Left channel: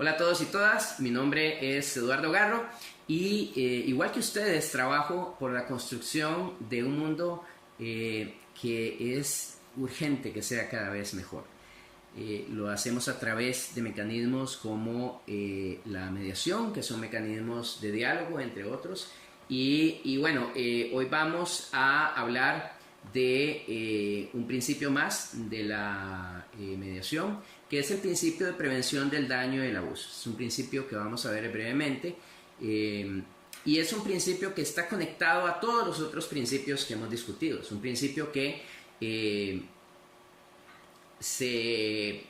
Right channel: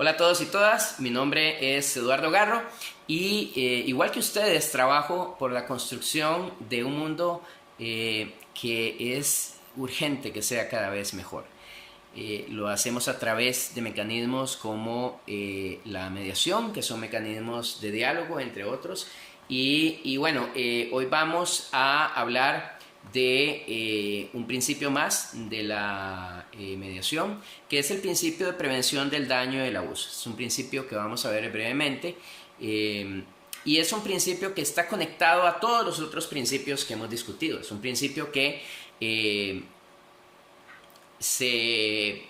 Hola a todos y todas, mi nombre es Eduardo Garro y igual que ustedes trabajo por la construcción de un mundo que es urgente que sea cada vez mejor. Lo hacemos a través de mecanismos como la mediación, que son mecanismos de diálogo, entre otros. Hoy vamos a hablar de un principio más de la mediación, que es el principio de prevención del daño y del abuso. Es un principio que vamos a ver brevemente y es un principio que está conectado a todos los otros principios que hemos discutido. Es un principio que se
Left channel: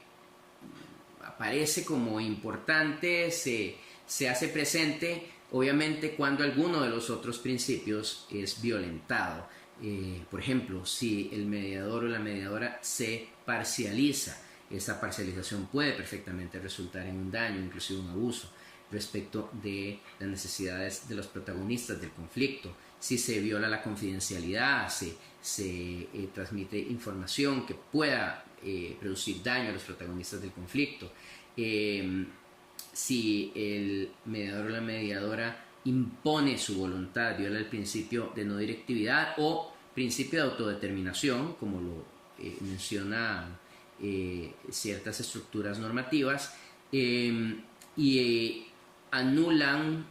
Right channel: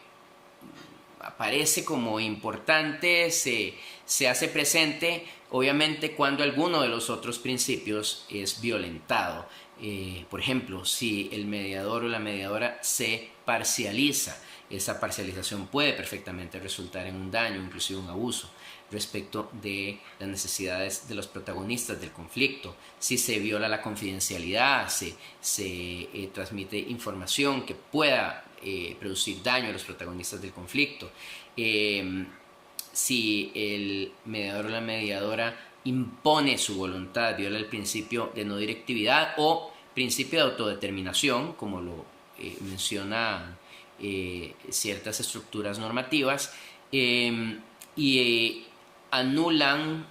aparece como importante, se hace presente, obviamente, cuando alguno de los otros principios es violentado. Por ejemplo, si el mediador o la mediadora se parcializa, esa parcialización puede perfectamente resultar en un daño, inclusive un abuso, respecto de las necesidades de los protagonistas del conflicto. Si se viola la confidencialidad, se transmite información que pueda producir daño a los protagonistas del conflicto. Si el mediador o la mediadora impone su voluntad, viola el principio de no directividad o principio de autodeterminación, como lo mencionan ciertas estructuras normativas, anulan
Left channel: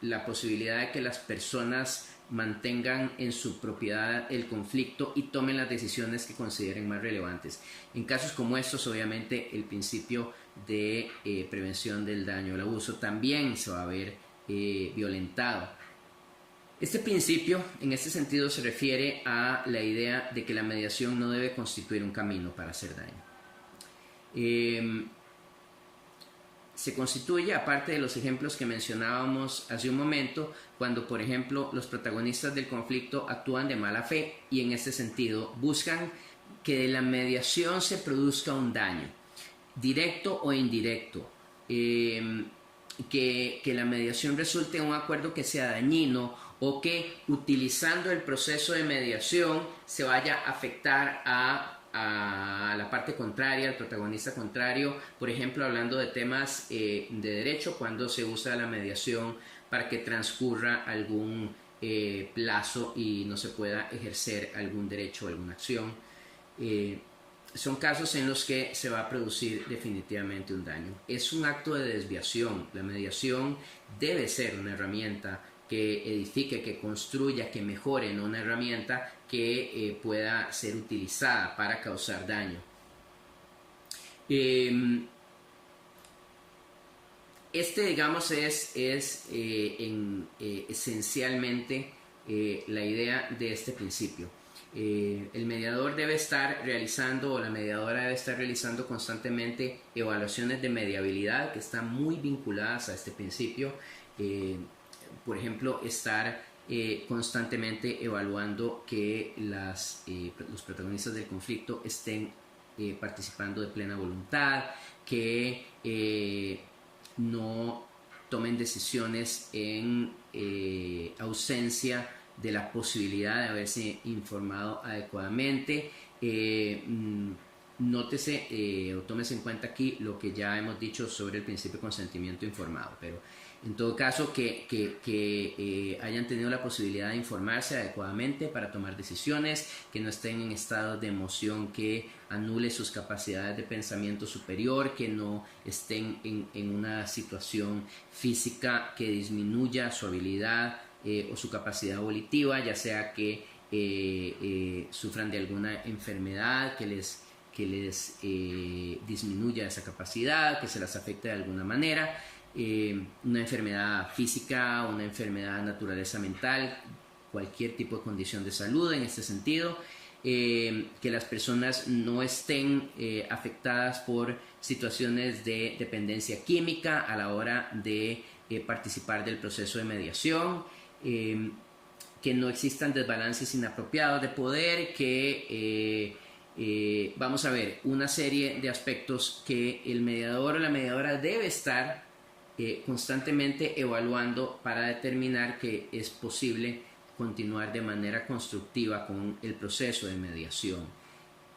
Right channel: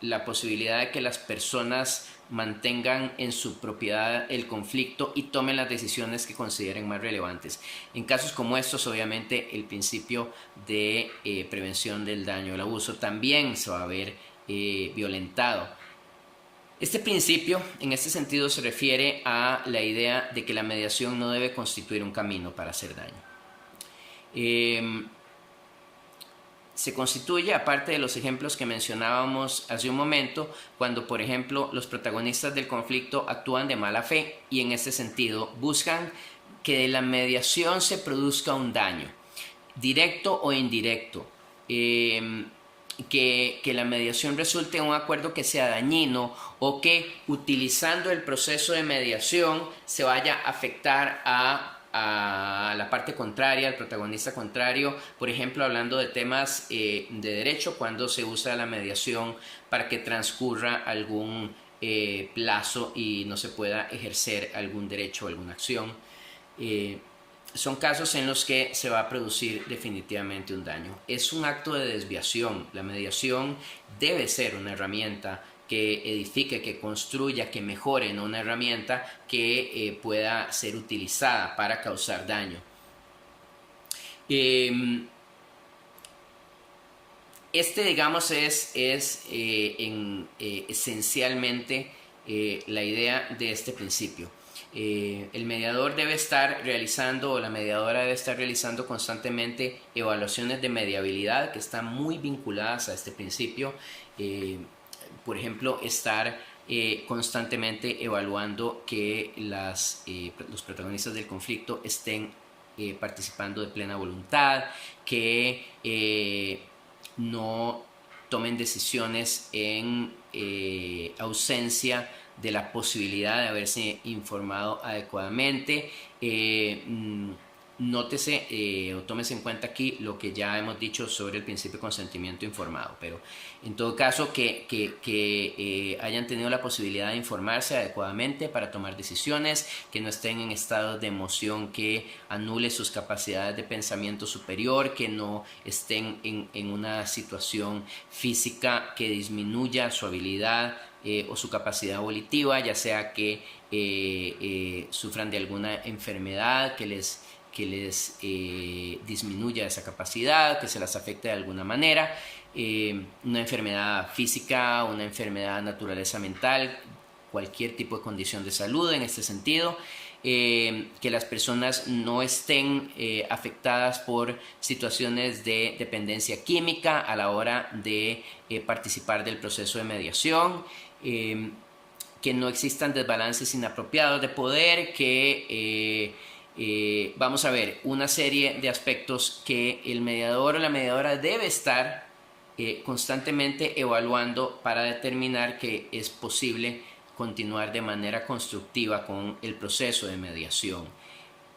la posibilidad de que las personas mantengan en su propiedad el conflicto y tomen las decisiones que consideren más relevantes. En casos como estos, obviamente, el principio de prevención del daño o el abuso también se va a ver violentado. Este principio, en este sentido, se refiere a la idea de que la mediación no debe constituir un camino para hacer daño. Se constituye, aparte de los ejemplos que mencionábamos hace un momento, cuando, por ejemplo, los protagonistas del conflicto actúan de mala fe y, en este sentido, buscan que de la mediación se produzca un daño, directo o indirecto, que la mediación resulte en un acuerdo que sea dañino o que, utilizando el proceso de mediación, se vaya a afectar a la parte contraria, al protagonista contrario, por ejemplo, hablando de temas de derecho, cuando se usa la mediación para que transcurra algún plazo y no se pueda ejercer algún derecho o alguna acción. Son casos en los que se va a producir definitivamente un daño. Es un acto de desviación. La mediación debe ser una herramienta que edifique, que construya, que mejore, no una herramienta que pueda ser utilizada para causar daño. Digamos, es esencialmente la idea de este principio. El mediador debe estar realizando, o la mediadora debe estar realizando constantemente evaluaciones de mediabilidad que están muy vinculadas a este principio. Por ejemplo, estar constantemente evaluando que los protagonistas del conflicto estén participando de plena voluntad, que no tomen decisiones en ausencia de la posibilidad de haberse informado adecuadamente. Nótese o tómese en cuenta aquí lo que ya hemos dicho sobre el principio de consentimiento informado, pero en todo caso que hayan tenido la posibilidad de informarse adecuadamente para tomar decisiones, que no estén en estados de emoción que anule sus capacidades de pensamiento superior, que no estén en una situación física que disminuya su habilidad o su capacidad volitiva, ya sea que sufran de alguna enfermedad que les disminuya esa capacidad, que se las afecte de alguna manera, una enfermedad física, una enfermedad de naturaleza mental, cualquier tipo de condición de salud en este sentido, que las personas no estén afectadas por situaciones de dependencia química a la hora de participar del proceso de mediación, que no existan desbalances inapropiados de poder, que vamos a ver una serie de aspectos que el mediador o la mediadora debe estar constantemente evaluando para determinar que es posible continuar de manera constructiva con el proceso de mediación.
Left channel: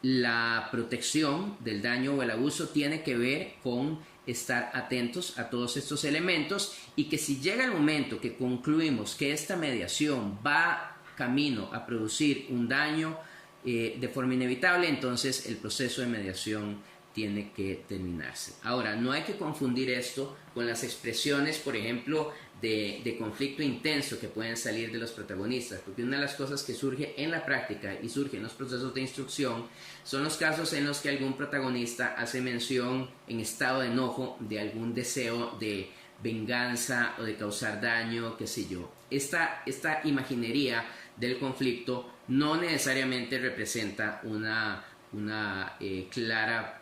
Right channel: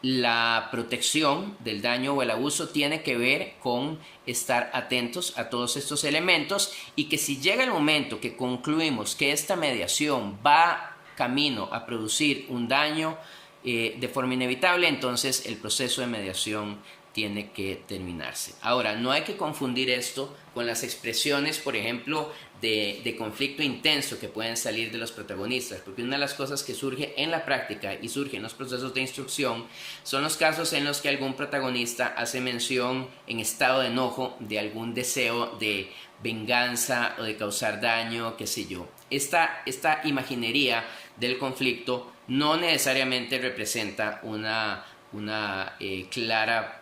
la protección del daño o el abuso tiene que ver con estar atentos a todos estos elementos, y que si llega el momento que concluimos que esta mediación va camino a producir un daño de forma inevitable, entonces el proceso de mediación tiene que terminarse. Ahora, no hay que confundir esto con las expresiones, por ejemplo, de conflicto intenso que pueden salir de los protagonistas, porque una de las cosas que surge en la práctica y surge en los procesos de instrucción son los casos en los que algún protagonista hace mención en estado de enojo de algún deseo de venganza o de causar daño, qué sé yo. Esta imaginería del conflicto no necesariamente representa una clara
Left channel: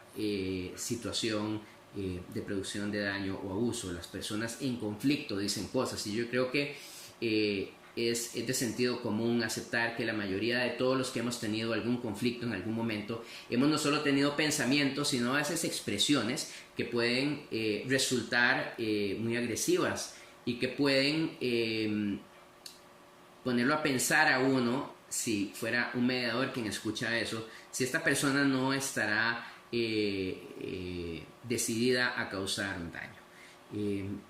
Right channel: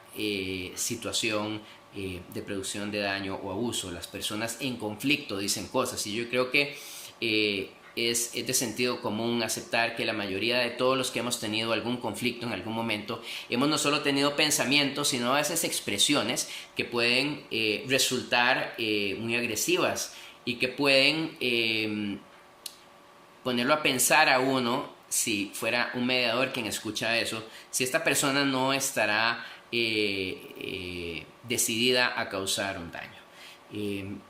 situación de producción de daño o abuso. Las personas en conflicto dicen cosas, y yo creo que es de sentido común aceptar que la mayoría de todos los que hemos tenido algún conflicto en algún momento hemos no solo tenido pensamientos, sino a veces expresiones que pueden resultar muy agresivas y que pueden ponerlo a pensar a uno, si fuera un mediador quien escucha eso, si esta persona no estará decidida a causar un daño.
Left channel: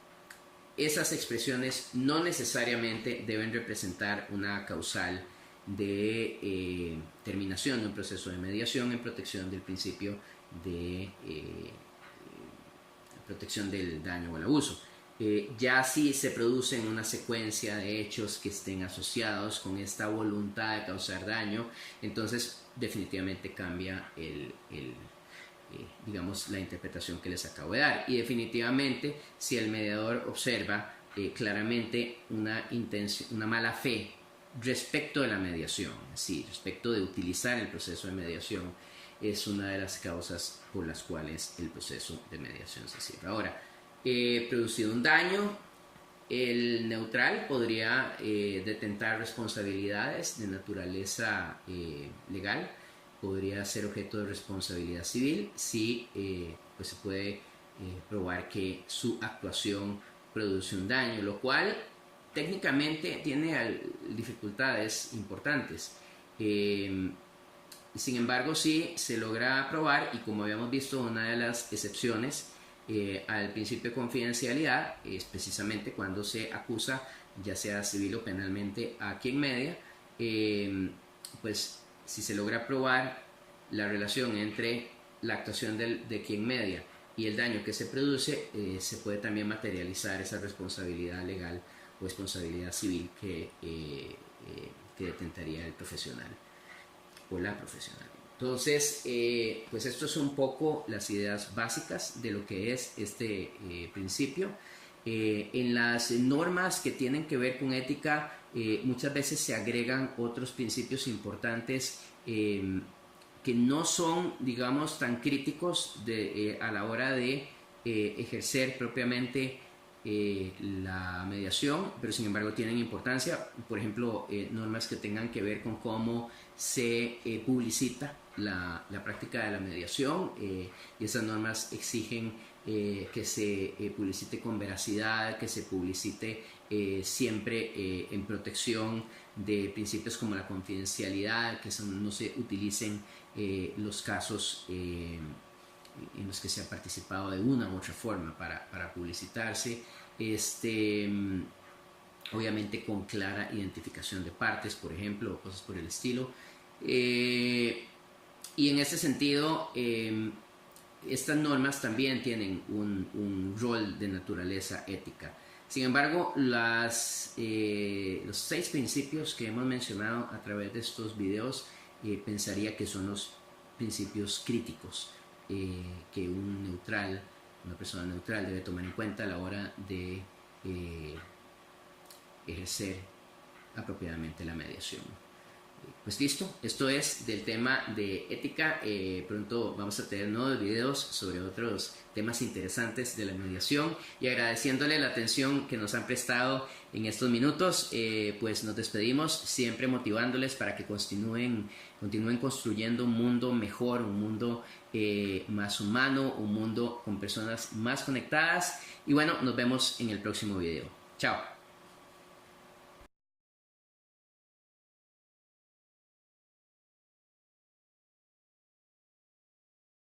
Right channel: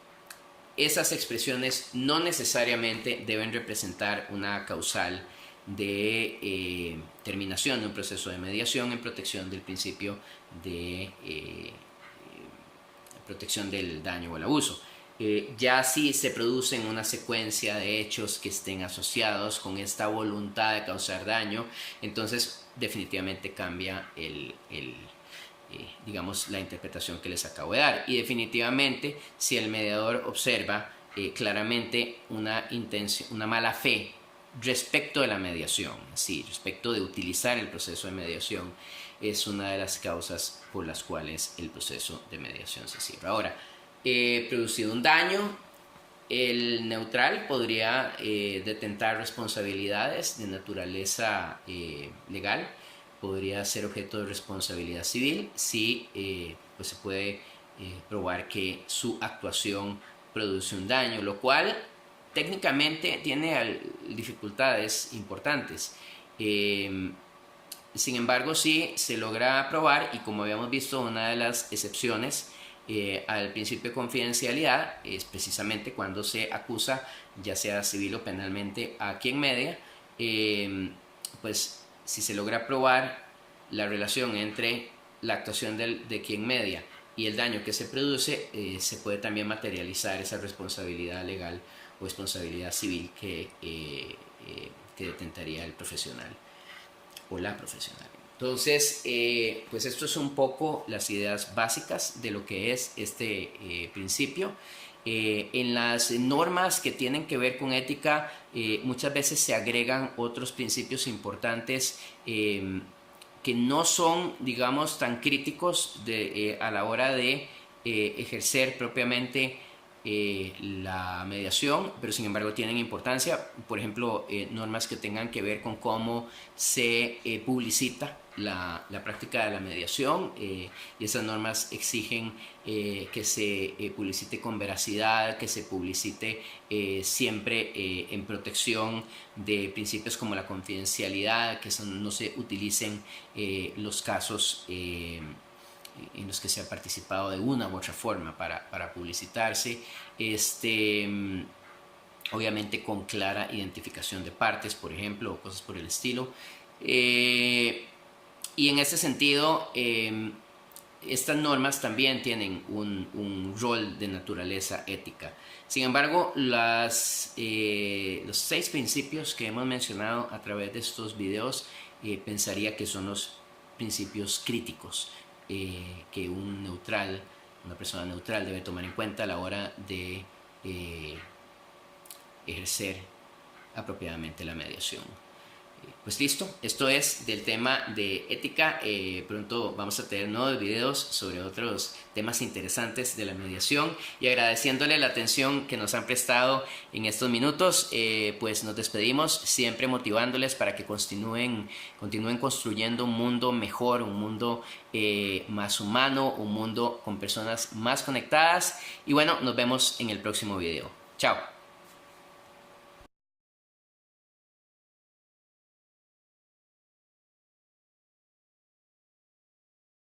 Esas expresiones no necesariamente deben representar una causal de terminación de un proceso de mediación en protección del principio de protección del daño o el abuso. Ya si se producen una secuencia de hechos que estén asociados con esta voluntad de causar daño, entonces definitivamente cambia digamos, la interpretación que les acabo de dar. Y definitivamente, si el mediador observa claramente una mala fe respecto de la mediación, sí, respecto de utilizar el proceso de mediación, es una de las causas por las cuales el proceso de mediación se cierra. Ahora, producido un daño, el neutral podría detentar responsabilidades de naturaleza legal, podría ser objeto de responsabilidad civil si pues se puede probar que su actuación produce un daño, lo cual técnicamente tiene dificultades importantes. Sin embargo, sí se logra probar, y como habíamos visto, una de las excepciones al principio de confidencialidad es precisamente cuando se acusa, ya sea civil o penalmente, a quien media, pues si se logra probar la relación entre la actuación de quien media y el daño que se produce, se puede también materializar esa responsabilidad legal o responsabilidad civil que detentaría el profesional o la profesional. Entonces, pues esto es un poco las ideas básicas de lo que es este principio. En las normas que tienen que ver con ética, muchas veces se agregan otros principios importantes que no son, digamos, tan críticos a la hora de ejercer propiamente la mediación, pero sin embargo tienen importancia. Por ejemplo, normas que tengan que ver con cómo se publicita la práctica de la mediación, y esas normas exigen que se publicite con veracidad, que se publicite siempre en protección de principios como la confidencialidad, que no se utilicen los casos en los que se ha participado de una u otra forma para publicitarse, obviamente con clara identificación de partes, por ejemplo, o cosas por el estilo. Y en ese sentido, estas normas también tienen un rol de naturaleza ética. Sin embargo, los 6 principios que hemos mencionado a través de estos videos, pensaría que son los principios críticos que una persona neutral debe tomar en cuenta a la hora de ejercer apropiadamente la mediación. Pues listo, esto es del tema de ética. Pronto vamos a tener nuevos videos sobre otros temas interesantes de la mediación, y agradeciéndole la atención que nos han prestado en estos minutos, pues nos despedimos, siempre motivándoles para que continúen construyendo un mundo mejor, un mundo más humano, un mundo con personas más conectadas. Y bueno, nos vemos en el próximo video. Chao.